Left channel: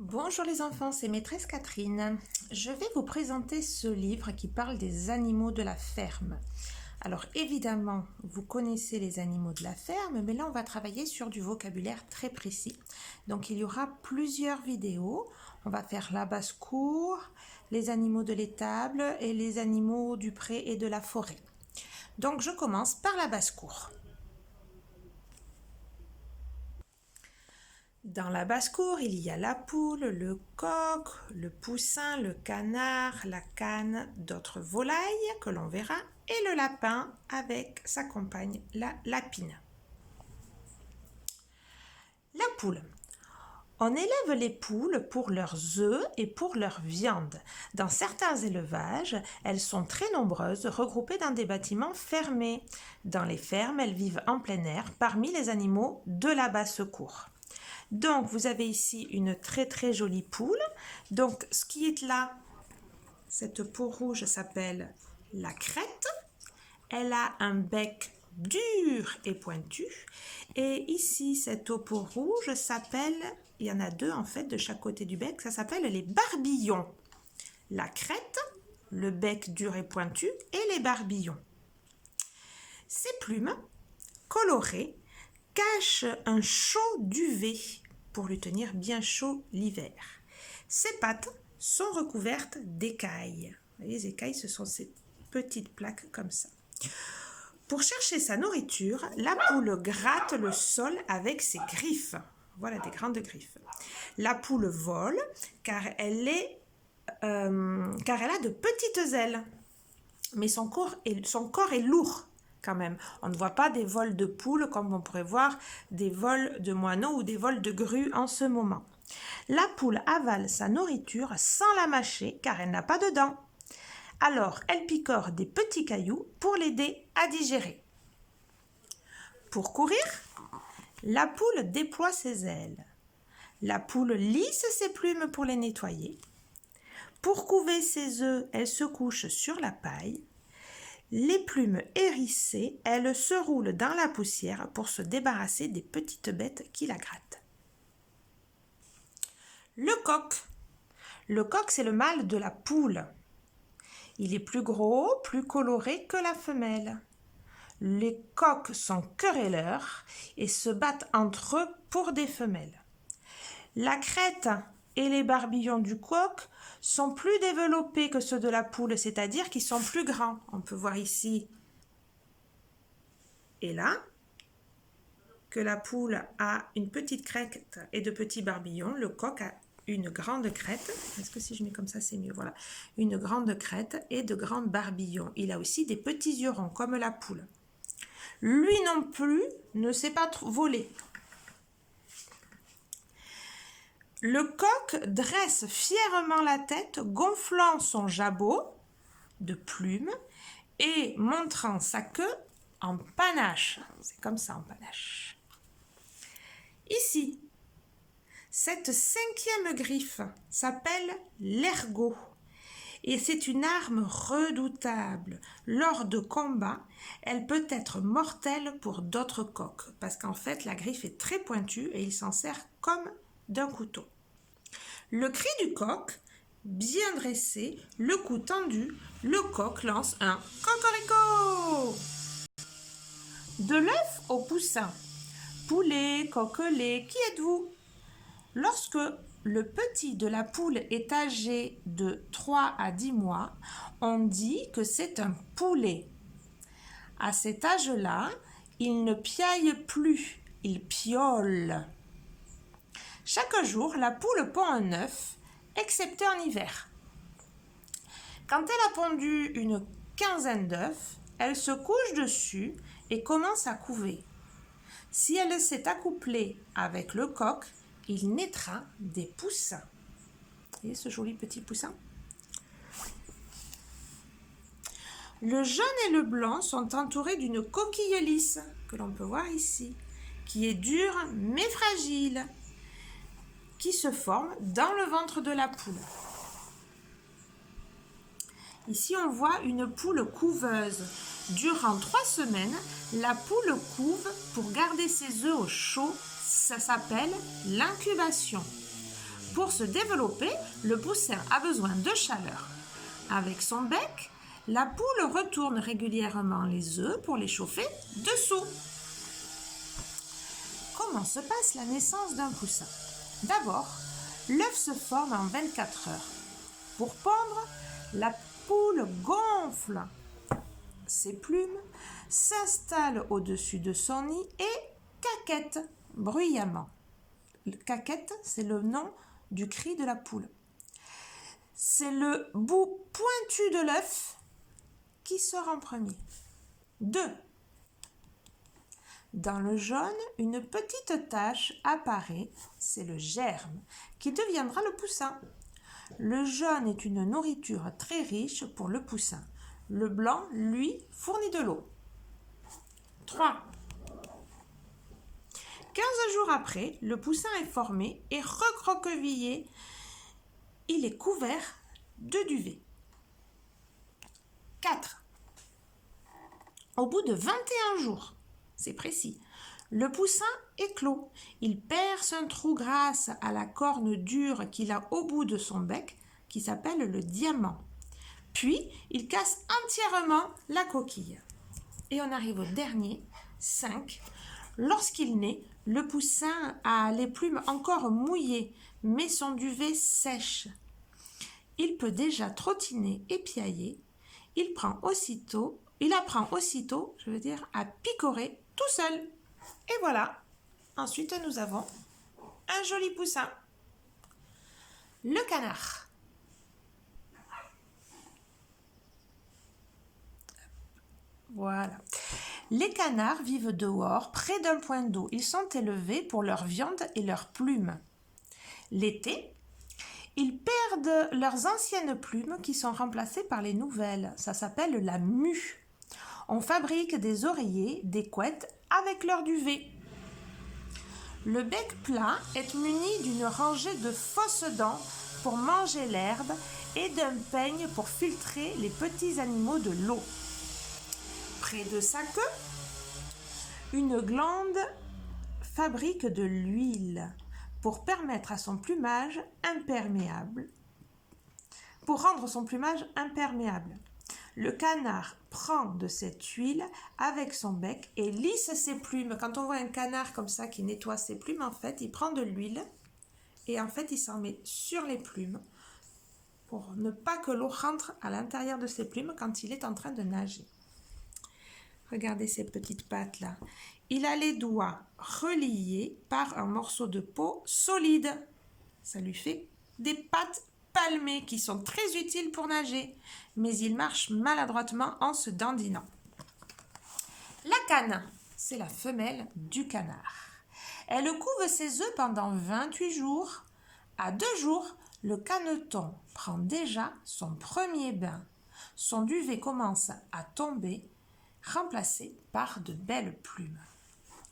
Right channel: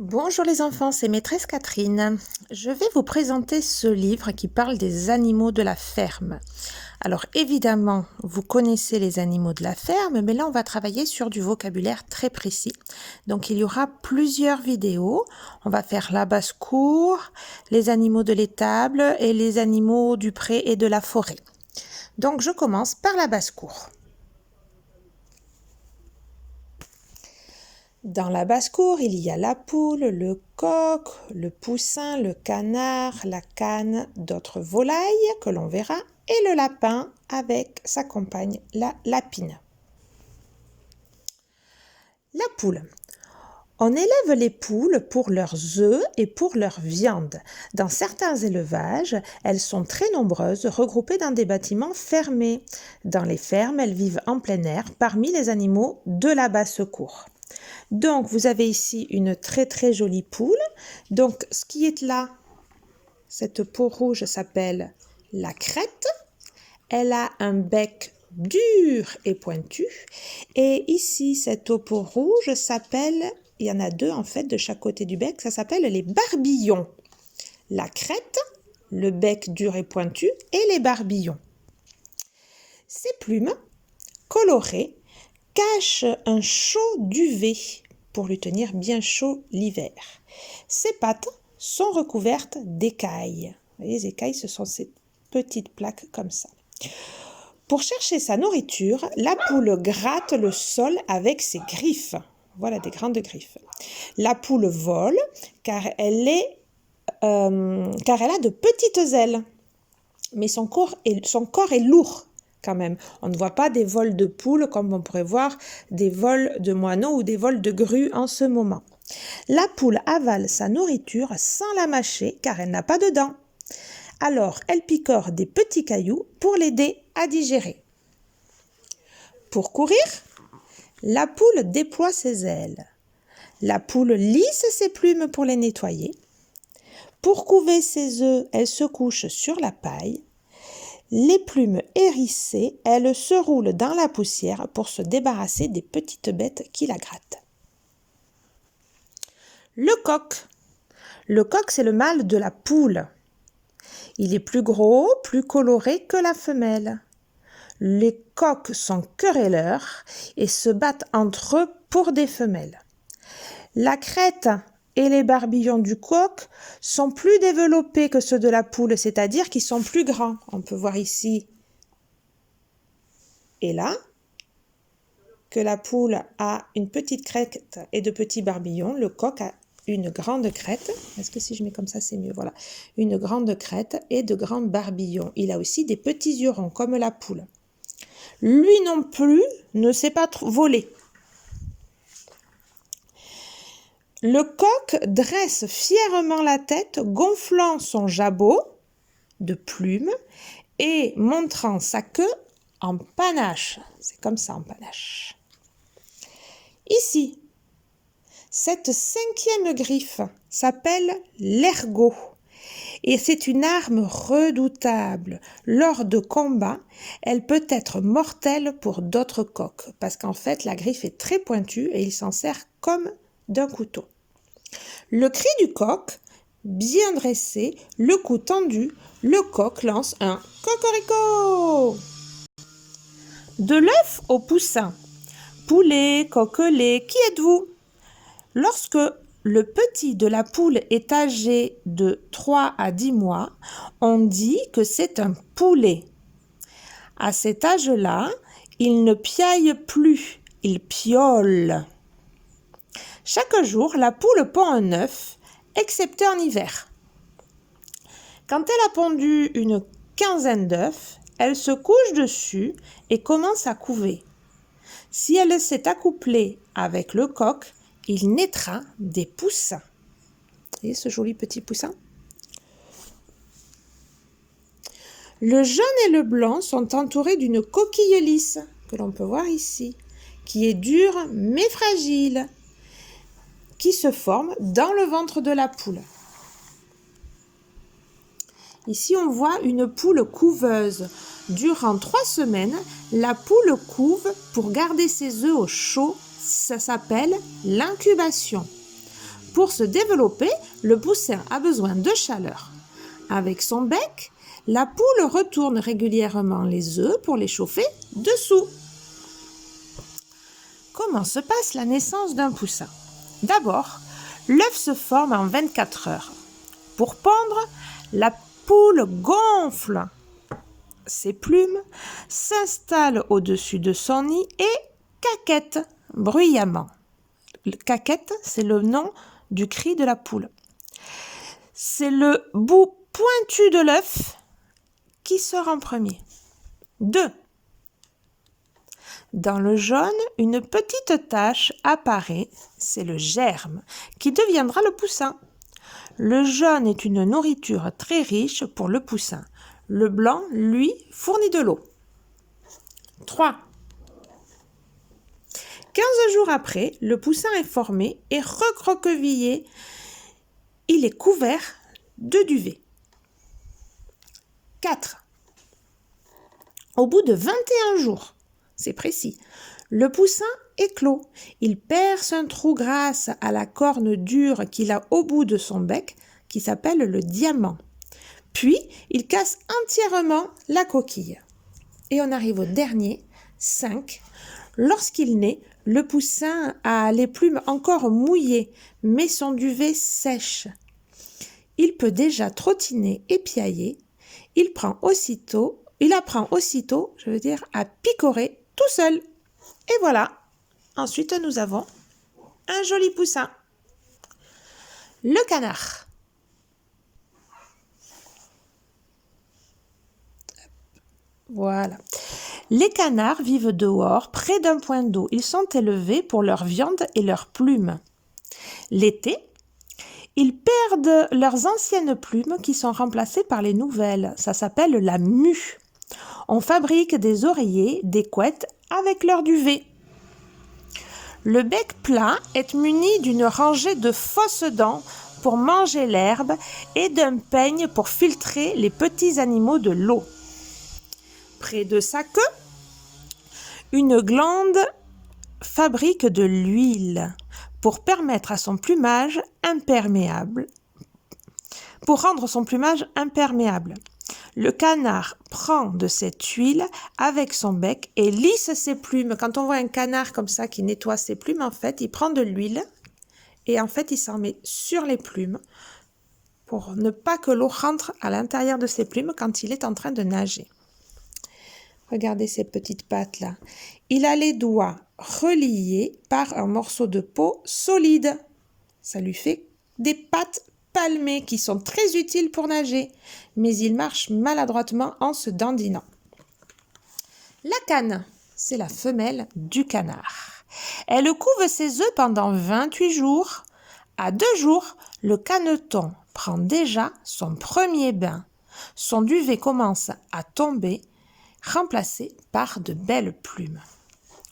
Bonjour les enfants, c'est maîtresse Catherine. Je vais vous présenter ce livre qui parle des animaux de la ferme. Alors évidemment, vous connaissez les animaux de la ferme, mais là on va travailler sur du vocabulaire très précis. Donc il y aura plusieurs vidéos. On va faire la basse-cour, les animaux de l'étable et les animaux du pré et de la forêt. Donc je commence par la basse-cour. Dans la basse-cour, il y a la poule, le coq, le poussin, le canard, la cane, d'autres volailles que l'on verra, et le lapin avec sa compagne, la lapine. La poule. On élève les poules pour leurs œufs et pour leur viande. Dans certains élevages, elles sont très nombreuses, regroupées dans des bâtiments fermés. Dans les fermes, elles vivent en plein air parmi les animaux de la basse-cour. Donc, vous avez ici une très très jolie poule. Donc, ce qui est là, cette peau rouge s'appelle la crête. Elle a un bec dur et pointu. Et ici, cette peau rouge s'appelle, il y en a deux en fait de chaque côté du bec, ça s'appelle les barbillons. La crête, le bec dur et pointu et les barbillons. Ces plumes colorées cachent un chaud duvet pour lui tenir bien chaud l'hiver. Ses pattes sont recouvertes d'écailles. Vous voyez, les écailles, ce sont ces petites plaques comme ça. Pour chercher sa nourriture, la poule gratte le sol avec ses griffes. Voilà des grandes griffes. La poule vole car elle a de petites ailes. Mais son corps est lourd quand même. On ne voit pas des vols de poules comme on pourrait voir des vols de moineaux ou des vols de grues en ce moment. La poule avale sa nourriture sans la mâcher car elle n'a pas de dents. Alors, elle picore des petits cailloux pour l'aider à digérer. Pour courir, la poule déploie ses ailes. La poule lisse ses plumes pour les nettoyer. Pour couver ses œufs, elle se couche sur la paille. Les plumes hérissées, elle se roule dans la poussière pour se débarrasser des petites bêtes qui la grattent. Le coq. Le coq, c'est le mâle de la poule. Il est plus gros, plus coloré que la femelle. Les coqs sont querelleurs et se battent entre eux pour des femelles. La crête et les barbillons du coq sont plus développés que ceux de la poule, c'est-à-dire qu'ils sont plus grands. On peut voir ici et là que la poule a une petite crête et de petits barbillons. Le coq a une grande crête. Est-ce que si je mets comme ça, c'est mieux? Voilà. Une grande crête et de grands barbillons. Il a aussi des petits yeux ronds comme la poule. Lui non plus ne sait pas voler. Le coq dresse fièrement la tête, gonflant son jabot de plumes et montrant sa queue en panache. C'est comme ça en panache. Ici, cette cinquième griffe s'appelle l'ergot. Et c'est une arme redoutable. Lors de combats, elle peut être mortelle pour d'autres coqs, parce qu'en fait, la griffe est très pointue et il s'en sert comme d'un couteau. Le cri du coq, bien dressé, le cou tendu, le coq lance un cocorico. De l'œuf au poussin. Poulet, coquelet, qui êtes-vous? Lorsque le petit de la poule est âgé de 3 à 10 mois, on dit que c'est un poulet. À cet âge-là, il ne piaille plus, il piaule. Chaque jour, la poule pond un œuf, excepté en hiver. Quand elle a pondu une quinzaine d'œufs, elle se couche dessus et commence à couver. Si elle s'est accouplée avec le coq, il naîtra des poussins. Vous voyez ce joli petit poussin? Le jaune et le blanc sont entourés d'une coquille lisse, que l'on peut voir ici, qui est dure mais fragile, qui se forme dans le ventre de la poule. Ici, on voit une poule couveuse. Durant 3 semaines, la poule couve pour garder ses œufs au chaud. Ça s'appelle l'incubation. Pour se développer, le poussin a besoin de chaleur. Avec son bec, la poule retourne régulièrement les œufs pour les chauffer dessous. Comment se passe la naissance d'un poussin? D'abord, l'œuf se forme en 24 heures. Pour pondre, la poule gonfle ses plumes, s'installe au-dessus de son nid et caquette bruyamment. Caquette, c'est le nom du cri de la poule. C'est le bout pointu de l'œuf qui sort en premier. 2. Dans le jaune, une petite tache apparaît, c'est le germe, qui deviendra le poussin. Le jaune est une nourriture très riche pour le poussin. Le blanc, lui, fournit de l'eau. 3. 15 jours après, le poussin est formé et recroquevillé. Il est couvert de duvet. 4. Au bout de 21 jours, c'est précis, le poussin éclot. Il perce un trou grâce à la corne dure qu'il a au bout de son bec, qui s'appelle le diamant. Puis, il casse entièrement la coquille. Et on arrive au dernier, 5. Lorsqu'il naît, le poussin a les plumes encore mouillées, mais son duvet sèche. Il peut déjà trottiner et piailler. Il apprend aussitôt, à picorer tout seul. Et voilà. Ensuite, nous avons un joli poussin. Le canard. Voilà. Les canards vivent dehors, près d'un point d'eau. Ils sont élevés pour leur viande et leurs plumes. L'été, ils perdent leurs anciennes plumes qui sont remplacées par les nouvelles. Ça s'appelle la mue. On fabrique des oreillers, des couettes avec leur duvet. Le bec plat est muni d'une rangée de fausses dents pour manger l'herbe et d'un peigne pour filtrer les petits animaux de l'eau. Près de sa queue, une glande fabrique de l'huile pour permettre à son plumage imperméable. Pour rendre son plumage imperméable, le canard prend de cette huile avec son bec et lisse ses plumes. Quand on voit un canard comme ça qui nettoie ses plumes, en fait, il prend de l'huile et en fait, il s'en met sur les plumes pour ne pas que l'eau rentre à l'intérieur de ses plumes quand il est en train de nager. Regardez ces petites pattes là. Il a les doigts reliés par un morceau de peau solide. Ça lui fait des pattes palmées qui sont très utiles pour nager, mais il marche maladroitement en se dandinant. La cane, c'est la femelle du canard. Elle couve ses œufs pendant 28 jours. À 2 jours, le caneton prend déjà son premier bain. Son duvet commence à tomber, remplacé par de belles plumes.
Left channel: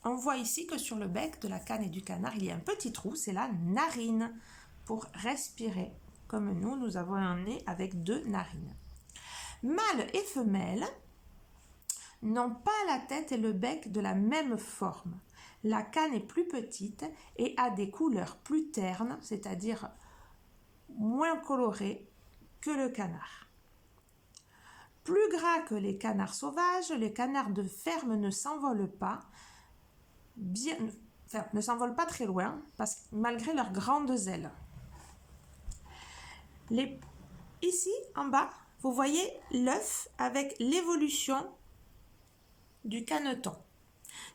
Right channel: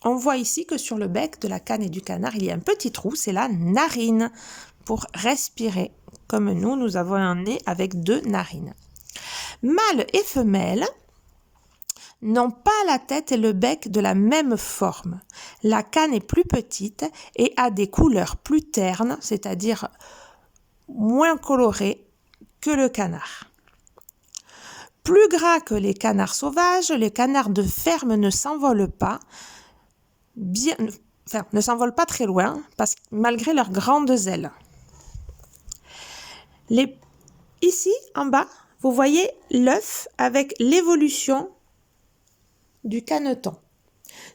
On voit ici que sur le bec de la cane et du canard, il y a un petit trou, c'est la narine, pour respirer. Comme nous avons un nez avec 2 narines. Mâles et femelles n'ont pas la tête et le bec de la même forme. La cane est plus petite et a des couleurs plus ternes, c'est-à-dire moins colorées que le canard. Plus gras que les canards sauvages, les canards de ferme ne s'envolent pas, ne s'envolent pas très loin, malgré leurs grandes ailes. Ici, en bas, vous voyez l'œuf avec l'évolution du caneton.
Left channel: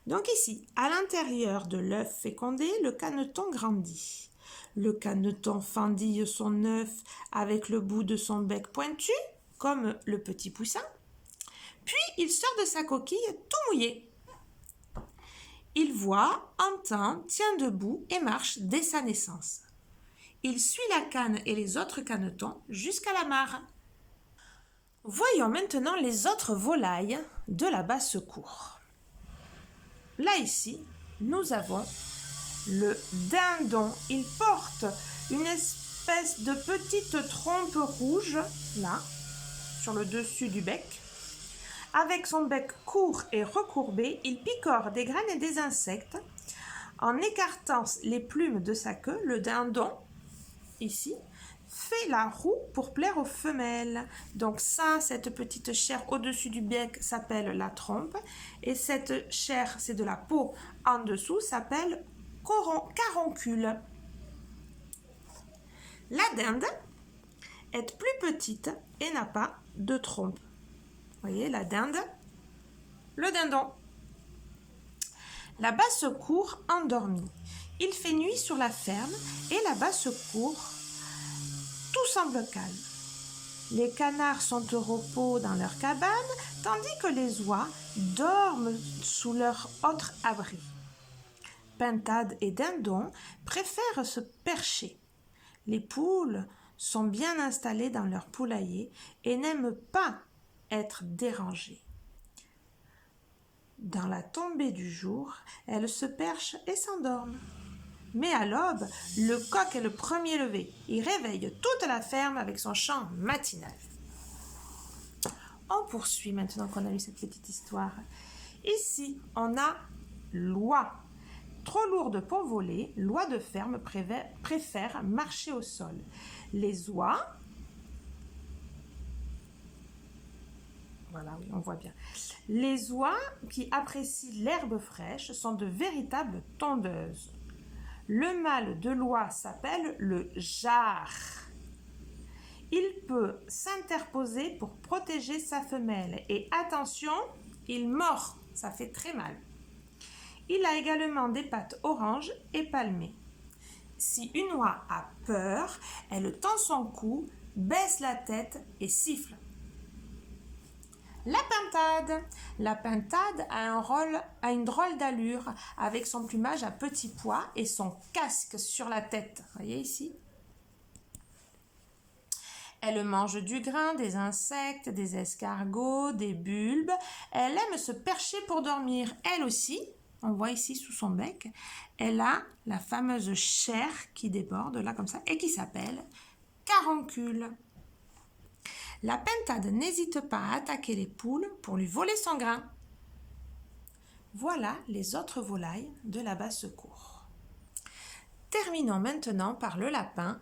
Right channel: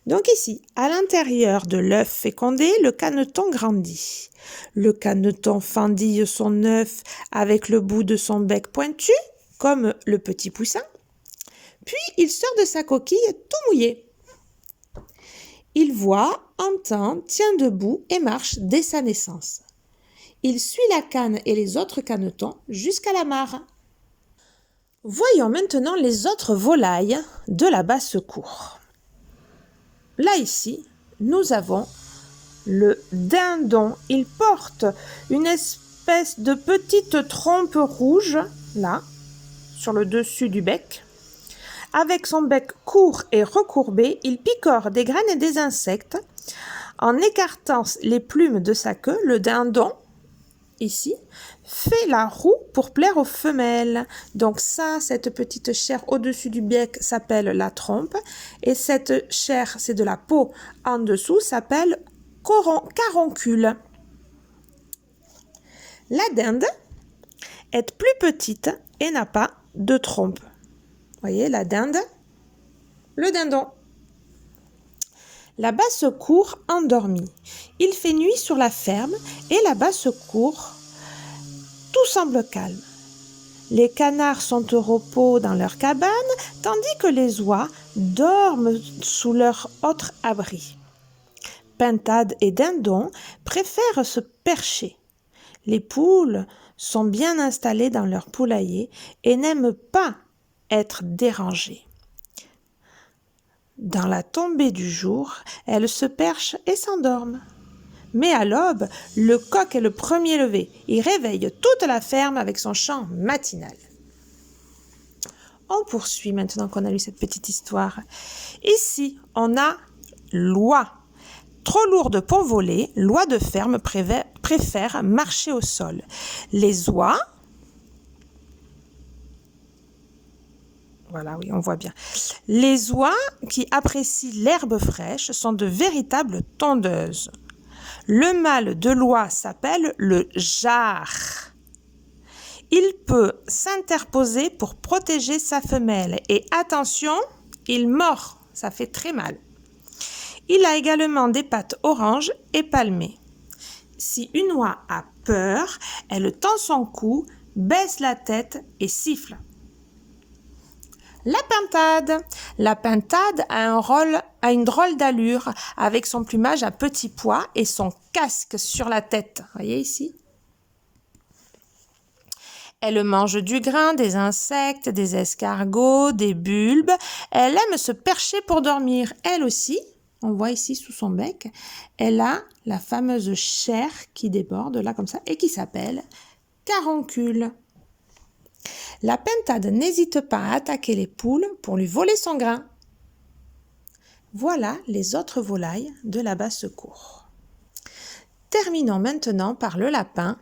Donc ici, à l'intérieur de l'œuf fécondé, le caneton grandit. Le caneton fendille son œuf avec le bout de son bec pointu, comme le petit poussin. Puis, il sort de sa coquille tout mouillé. Il voit, entend, tient debout et marche dès sa naissance. Il suit la cane et les autres canetons jusqu'à la mare. Voyons maintenant les autres volailles de la basse-cour. Là, ici, nous avons le dindon. Il porte une espèce de petite trompe rouge, là, sur le dessus du bec. Avec son bec court et recourbé, il picore des graines et des insectes. En écartant les plumes de sa queue, le dindon ici, fait la roue pour plaire aux femelles. Donc ça, cette petite chair au-dessus du bec s'appelle la trompe. Et cette chair, c'est de la peau en dessous, s'appelle caroncule. La dinde est plus petite et n'a pas de trompe. Vous voyez, la dinde, le dindon. La basse-cour endormie. Il fait nuit sur la ferme et la basse-cour, tout semble calme. Les canards sont au repos dans leur cabane, tandis que les oies dorment sous leur autre abri. Pintade et dindon préfèrent se percher. Les poules sont bien installées dans leur poulailler et n'aiment pas être dérangées. Dans la tombée du jour, elles se perchent et s'endorment. Mais à l'aube, le coq est le premier levé. Il réveille toute la ferme avec son chant matinal. On poursuit maintenant qu'on a lu cette petite histoire. Ici, on a l'oie. Trop lourde pour voler, l'oie de ferme préfère marcher au sol. Les oies, voilà, oui, on voit bien. Les oies qui apprécient l'herbe fraîche sont de véritables tondeuses. Le mâle de l'oie s'appelle le jar. Il peut s'interposer pour protéger sa femelle. Et attention, il mord, ça fait très mal. Il a également des pattes orange et palmées. Si une oie a peur, elle tend son cou, baisse la tête et siffle. La pintade. La pintade a une drôle d'allure avec son plumage à petits pois et son casque sur la tête. Vous voyez ici? Elle mange du grain, des insectes, des escargots, des bulbes. Elle aime se percher pour dormir. Elle aussi, on voit ici sous son bec, elle a la fameuse chair qui déborde là comme ça et qui s'appelle caroncule. La pintade n'hésite pas à attaquer les poules pour lui voler son grain. Voilà les autres volailles de la basse-cour. Terminons maintenant par le lapin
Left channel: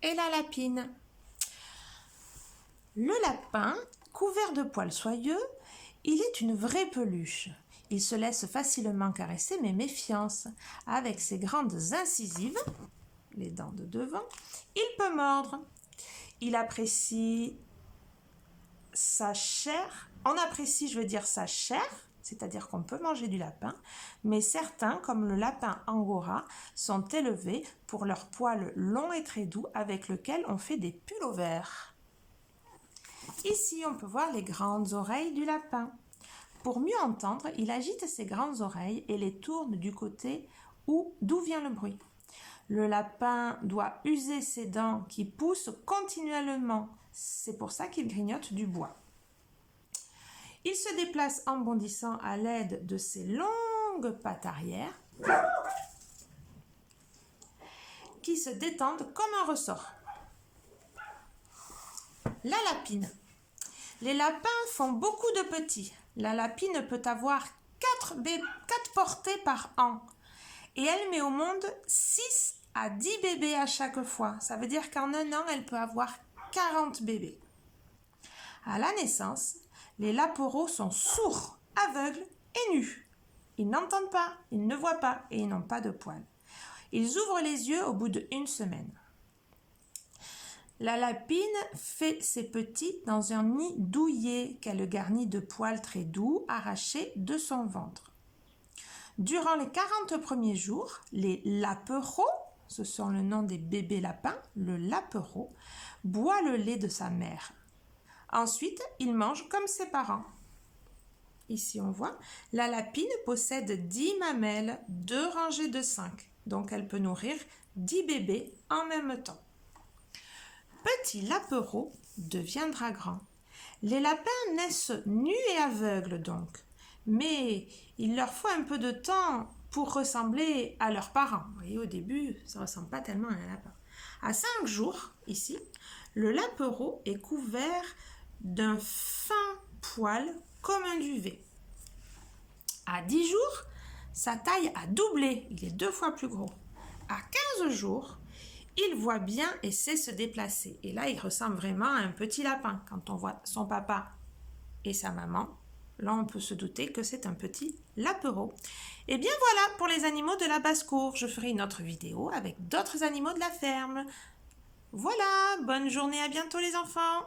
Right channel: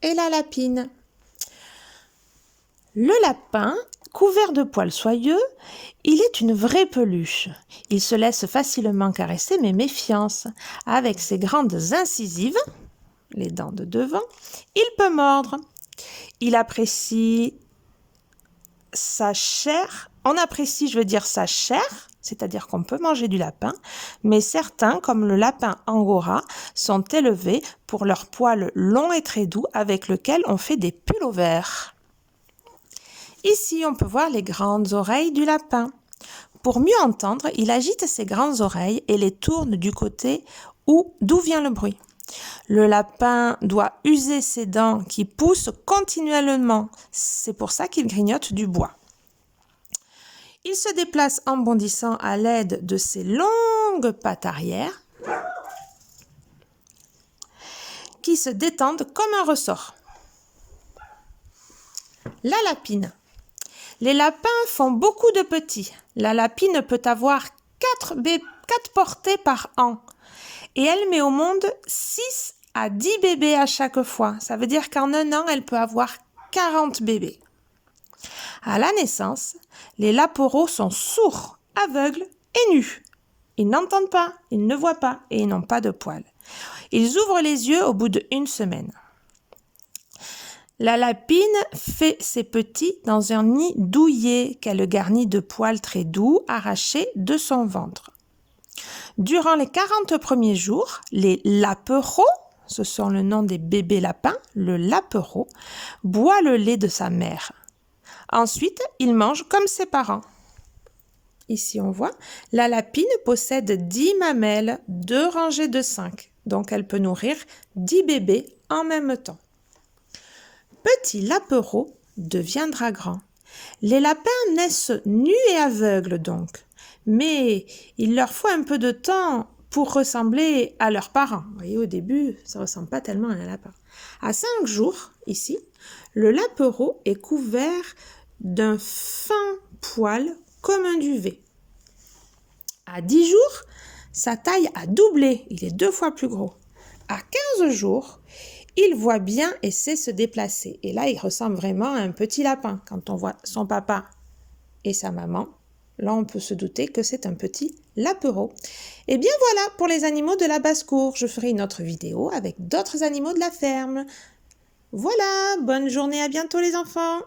et la lapine. Le lapin, couvert de poils soyeux, il est une vraie peluche. Il se laisse facilement caresser, mais méfiance. Avec ses grandes incisives, les dents de devant, il peut mordre. Il apprécie sa chair. On apprécie, sa chair, c'est-à-dire qu'on peut manger du lapin, mais certains, comme le lapin angora, sont élevés pour leurs poils longs et très doux avec lesquels on fait des pullovers. Ici, on peut voir les grandes oreilles du lapin. Pour mieux entendre, il agite ses grandes oreilles et les tourne du côté d'où vient le bruit. Le lapin doit user ses dents qui poussent continuellement. C'est pour ça qu'il grignote du bois. Il se déplace en bondissant à l'aide de ses longues pattes arrière qui se détendent comme un ressort. La lapine. Les lapins font beaucoup de petits. La lapine peut avoir 4 portées par an. Et elle met au monde 6 à 10 bébés à chaque fois. Ça veut dire qu'en un an, elle peut avoir 40 bébés. À la naissance, les lapereaux sont sourds, aveugles et nus. Ils n'entendent pas, ils ne voient pas et ils n'ont pas de poils. Ils ouvrent les yeux au bout d'1 semaine. La lapine fait ses petits dans un nid douillet qu'elle garnit de poils très doux arrachés de son ventre. Durant les 40 premiers jours, les lapereaux, ce sont le nom des bébés lapins, le lapereau, boit le lait de sa mère. Ensuite, il mange comme ses parents. Ici, on voit, la lapine possède 10 mamelles, 2 rangées de 5. Donc, elle peut nourrir 10 bébés en même temps. Petit lapereau deviendra grand. Les lapins naissent nus et aveugles donc, mais il leur faut un peu de temps pour ressembler à leurs parents. Vous voyez, au début, ça ne ressemble pas tellement à un lapin. À 5 jours, ici, le lapereau est couvert d'un fin poil comme un duvet. À 10 jours, sa taille a doublé, il est 2 fois plus gros. À 15 jours, Il voit bien et sait se déplacer. Et là, il ressemble vraiment à un petit lapin. Quand on voit son papa et sa maman, là, on peut se douter que c'est un petit lapereau. Et bien voilà pour les animaux de la basse-cour. Je ferai une autre vidéo avec d'autres animaux de la ferme. Voilà, bonne journée, à bientôt les enfants!